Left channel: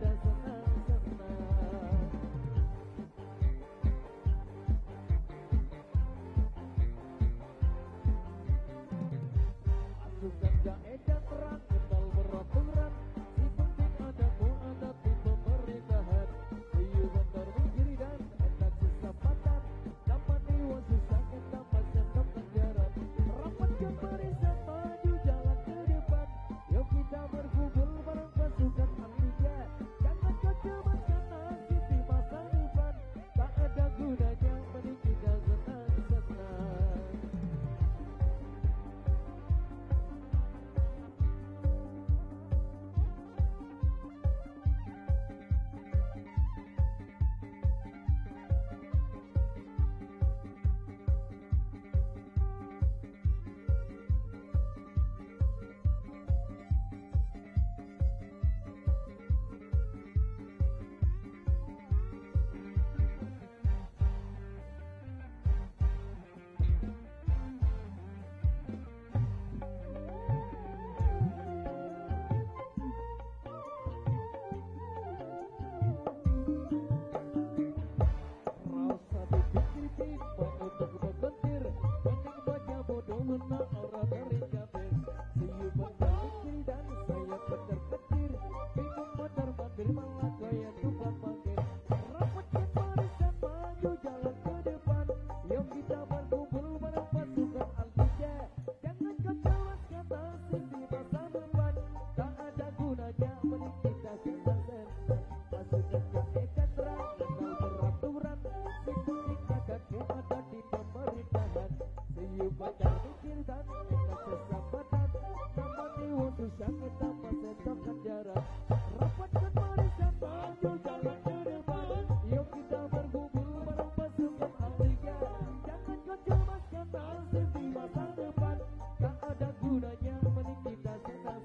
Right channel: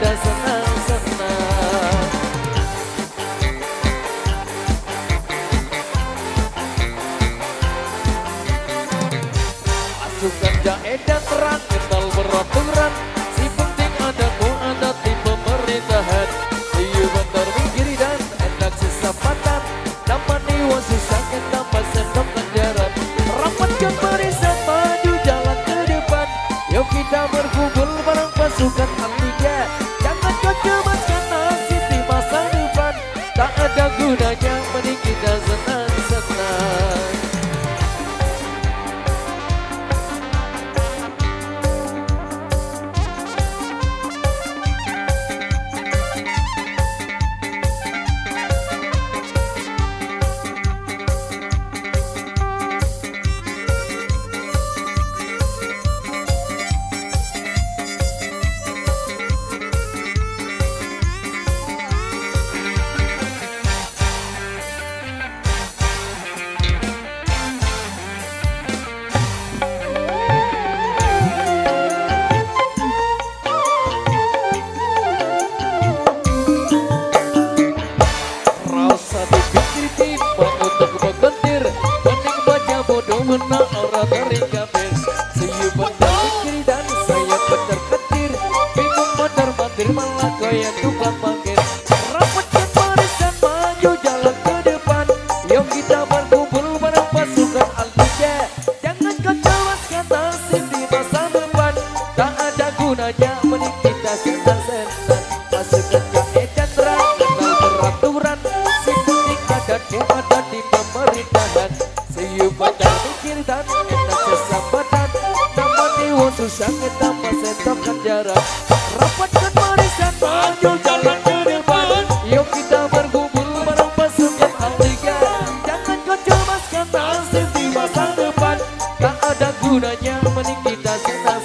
kita senang-senang. Pasukan jahe dan terang kenal beraturan, si penting ada adat di pemerintahan. Iyo bentar minggiri dan enak sesapatan, dapat niwa susah kita sendok kenjaran. Rapatkan barisan maju jalan ke depan, yuk kita berkumpul bareng pasukan Artiga. Jangan kau cemaskan nasib di masa depan, tak ada gunanya mending kita senang-senang. Menang orang terikabir, siu benar kiri dan saya benar ketir, bingung benar-benar malah kaya tukang mangkir. Rapatkan barisan maju jalan ke depan, yuk kita berkumpul bareng pasukan Artiga. Jangan kau cewaskan nasib di masa depan, tak ada gunanya mending kita senang-senang. Pasukan jahe dan terang kenal beraturan, si penting ada di pemerintahan. Siu benar dan enak sesambatan, dapat niwa susah kita sendok kenjaran. Rapatkan barisan maju jalan ke depan, yuk kita berkumpul bareng pasukan Artiga. Jangan kau cemaskan nasib di masa depan, tak ada gunanya mending kita senang.